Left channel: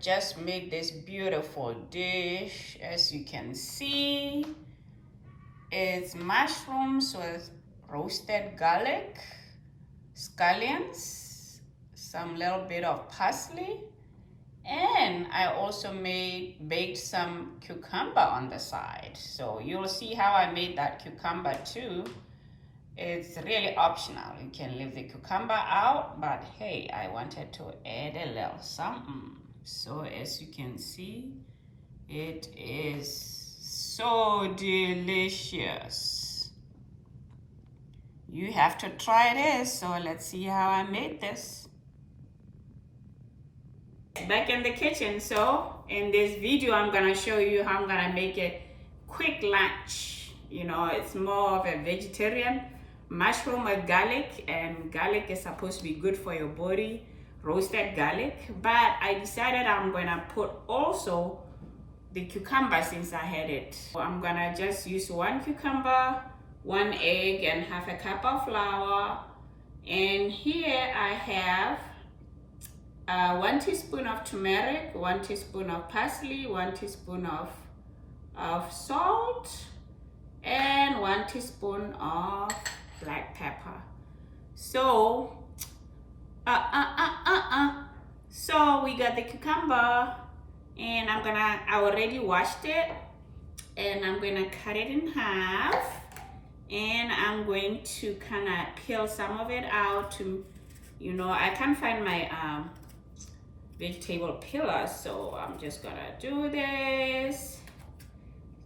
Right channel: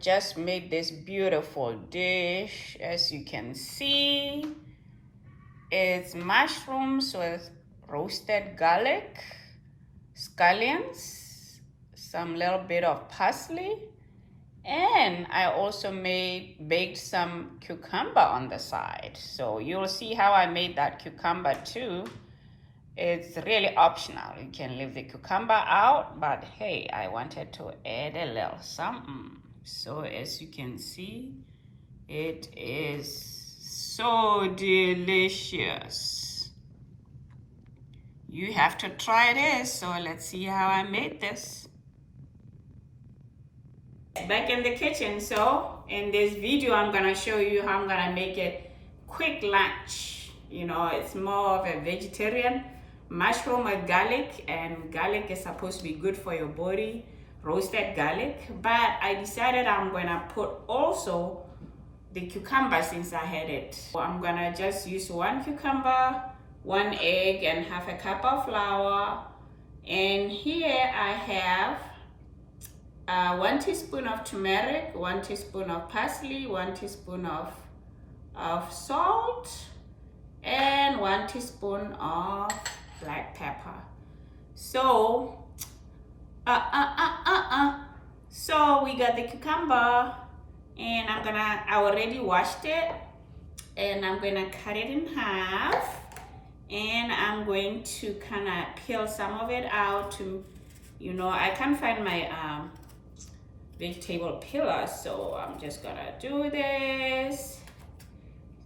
just made this beautiful dish. As you can see, it's mushrooms with roasted garlic, scallions, some little bit of parsley, and I also baked some cucumber on the side. So you'll see how I made that cucumber too. It's really optional. You can leave the cucumber out, but hey, I wanted to add a little something. So as you can see, it is so delicious. You have to try this. So let's see how I made this. Back in the kitchen. So in this video, I'm gonna show you how I'm gonna make a quick lunch. You know, it's more of a vegetarian. Mushroom with garlic, and garlic is supposed to be good for your body, roasted garlic, but I decided I'm gonna put also the cucumber since I had it. So I'm gonna just use 1 cucumber, 1 egg, and half a cup of flour. And here I have 1 teaspoon of turmeric, 1 teaspoon of parsley, 1 teaspoon of salt, and 1 teaspoon of black pepper. So so we got the cucumber, and I already washed it, and I'm gonna cut it in half, and I'm going to kind of peel some of it out to, you know, I can't find my vegetable peeler, so I'm just gonna do this,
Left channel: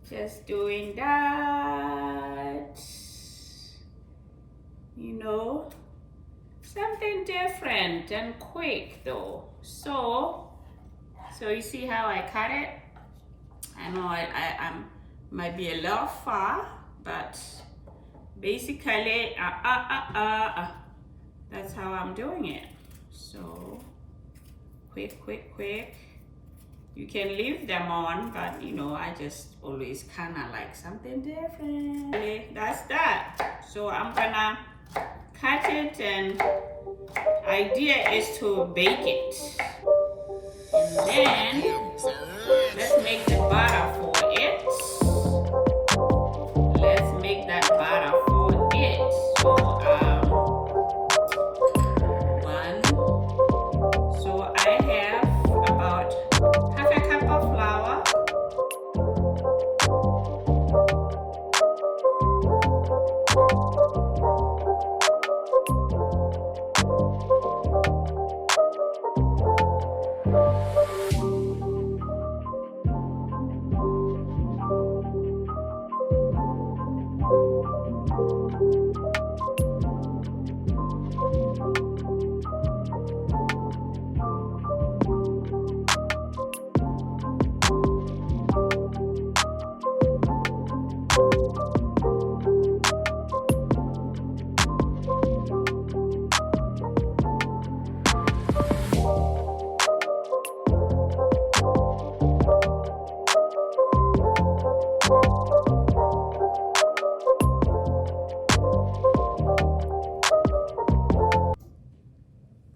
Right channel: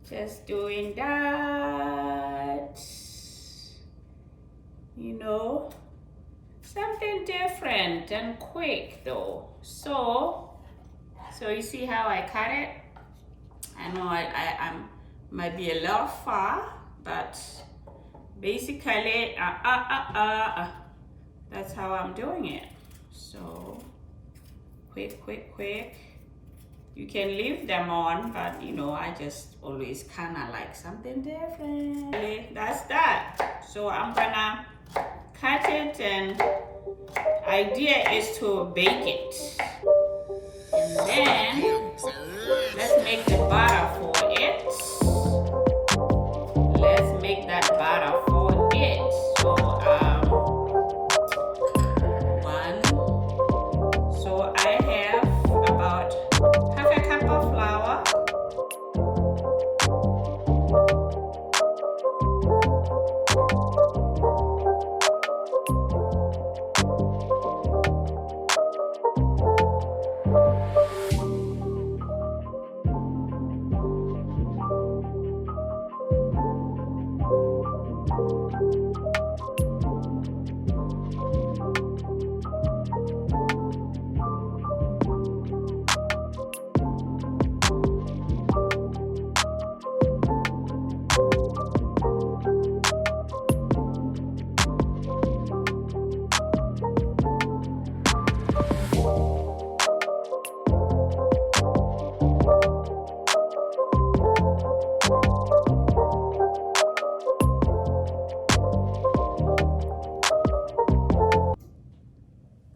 just doing that. You know, something different and quick though. So you see how I cut it? I know I might be a little far, but basically that's how I'm doing it. So quick. You can leave them on, but you know, I just always kind of like something different. That's that. So I'm gonna cut it, and idea is to bake it, and then let's make the batter for it. Let's make that batter for it. So so I have about half a cup of flour,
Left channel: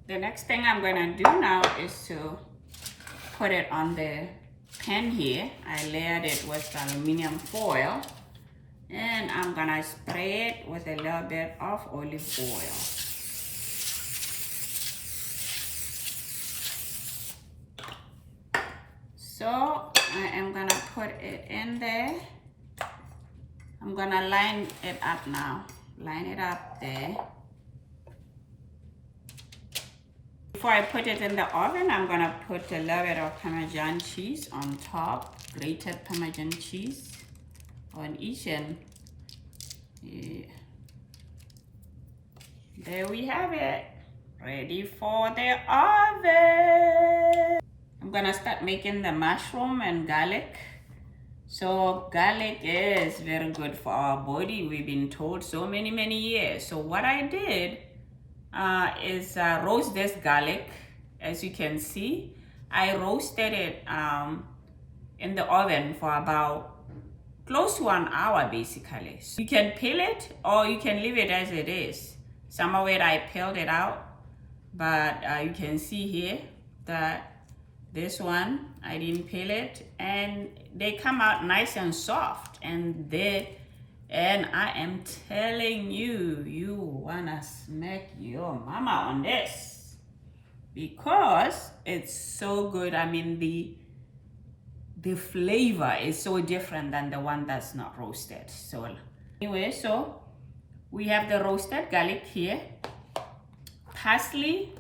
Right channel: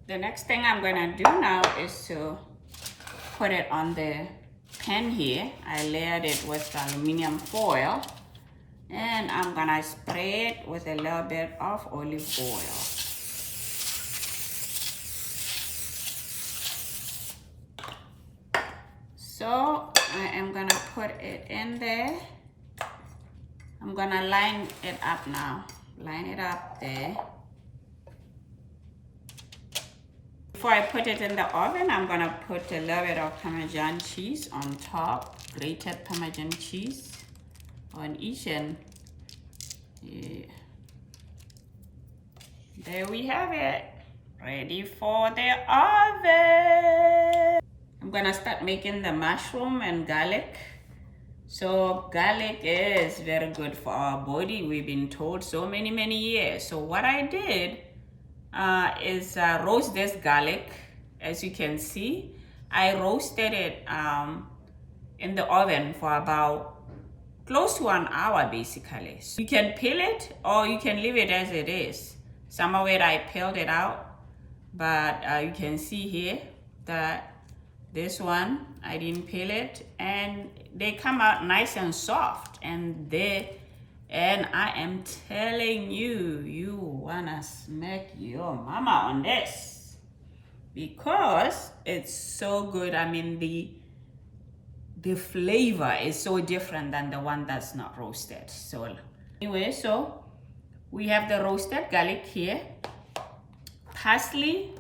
the next thing I'm gonna do now is to put it on the pan here. I layered it with aluminum foil, and I'm gonna spray it with a little bit of olive oil. So I am gonna put it in there. I'm gonna line it up now. Line it up there. Before I put it in the oven, I'm gonna put a little bit of Parmesan cheese on top, grated Parmesan cheese on each end. Yeah. There we have it, ready for the oven. I'm gonna start making the mushroom and garlic. So garlic is very good for our body. We've been told so many years. So what I did is roast this garlic. As you can see, I roasted it in the oven for about close to an hour basically. So you can peel it or you can leave it as it is. Some of it I peeled it out, but you can see here that This one, I didn't peel it, and they come out nice and soft, and I am telling you, you wanna smack your mama on this because it's so good. I mean, the flavor is so different than the one that's not roasted. So anyway, so we have the roasted garlic here, parsley,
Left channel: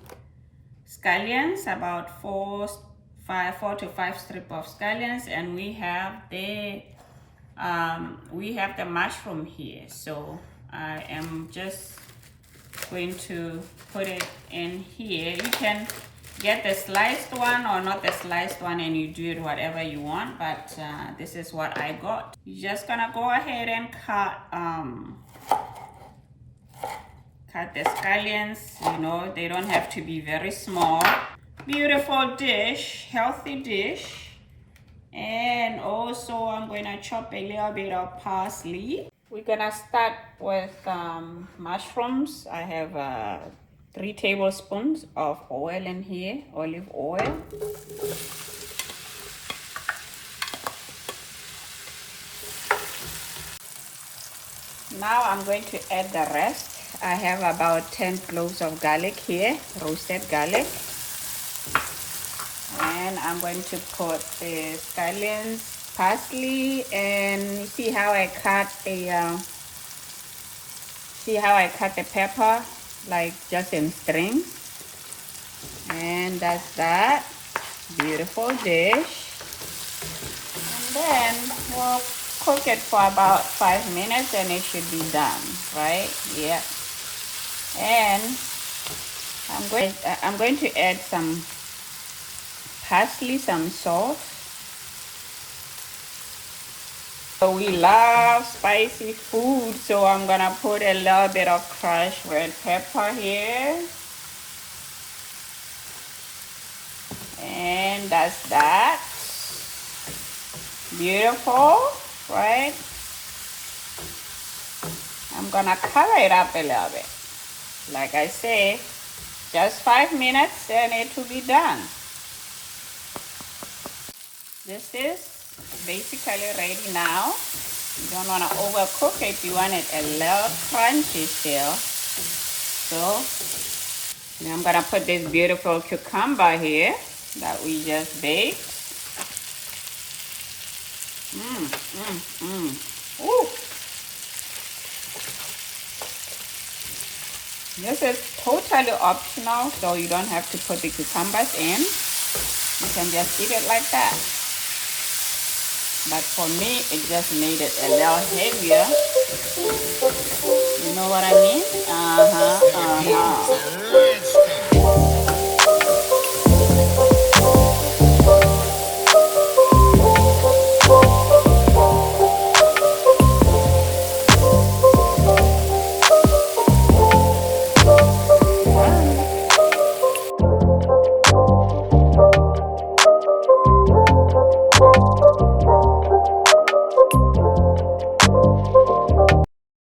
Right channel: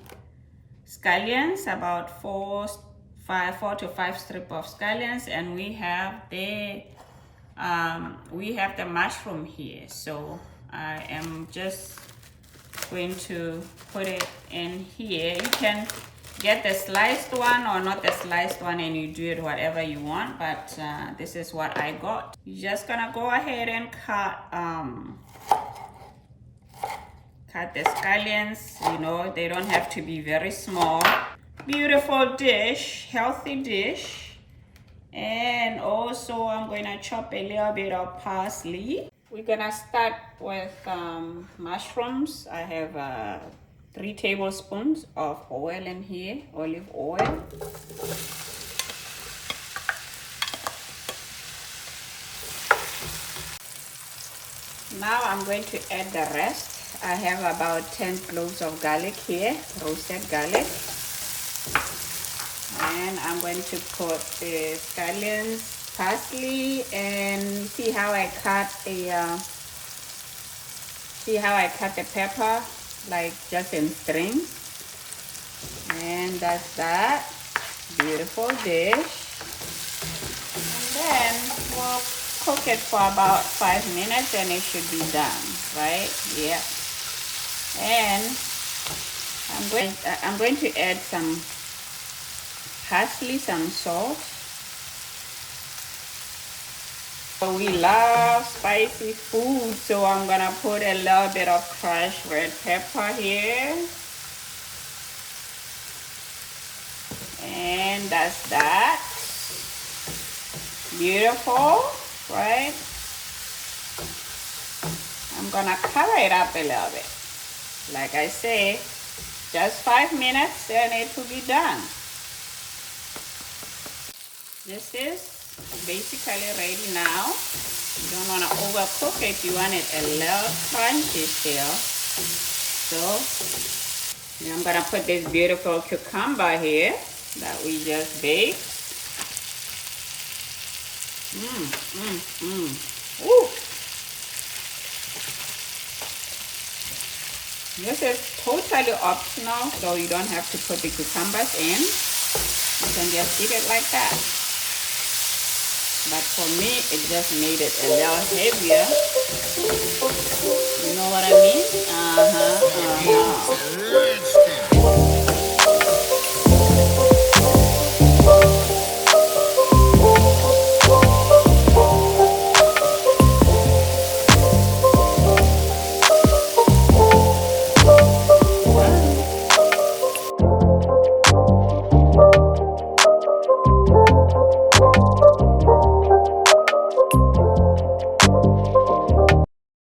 scallions, about four to five strips of scallions, and we have the mushroom here. So I am just going to put it in here. You can get the sliced one or not the sliced one, and you do it whatever you want, but this is what I got. You're just gonna go ahead and cut the scallions. You know, they don't have to be very small. Beautiful dish, healthy dish. And also I'm going to chop a little bit of parsley. We're gonna start with mushrooms. I have 3 tablespoons of oil in here, olive oil. Now I'm going to add the rest. I have about 10 cloves of garlic here, roasted garlic. And I'm going to put the scallions, parsley, and see how I cut the pepper, like just in strings. And that's that. Beautiful dish. Then we'll cook it for about 5 minutes and it should be done, right? Yeah. And I'm going to add some parsley, some salt. So we love spicy food, so I'm gonna put a little bit of crushed red pepper here. And that's that. Beautiful, right? I'm gonna cover it up a little bit. Like I say, just 5 minutes and it will be done. This is basically ready now. You don't want to overcook it. You want it a little crunchy still. So I'm going to put this beautiful cucumber here that we just baked. Ooh. This is totally optional, so you don't have to put the cucumbers in. You can just eat it like that. But for me, it just made it a little heavier. You know what I mean?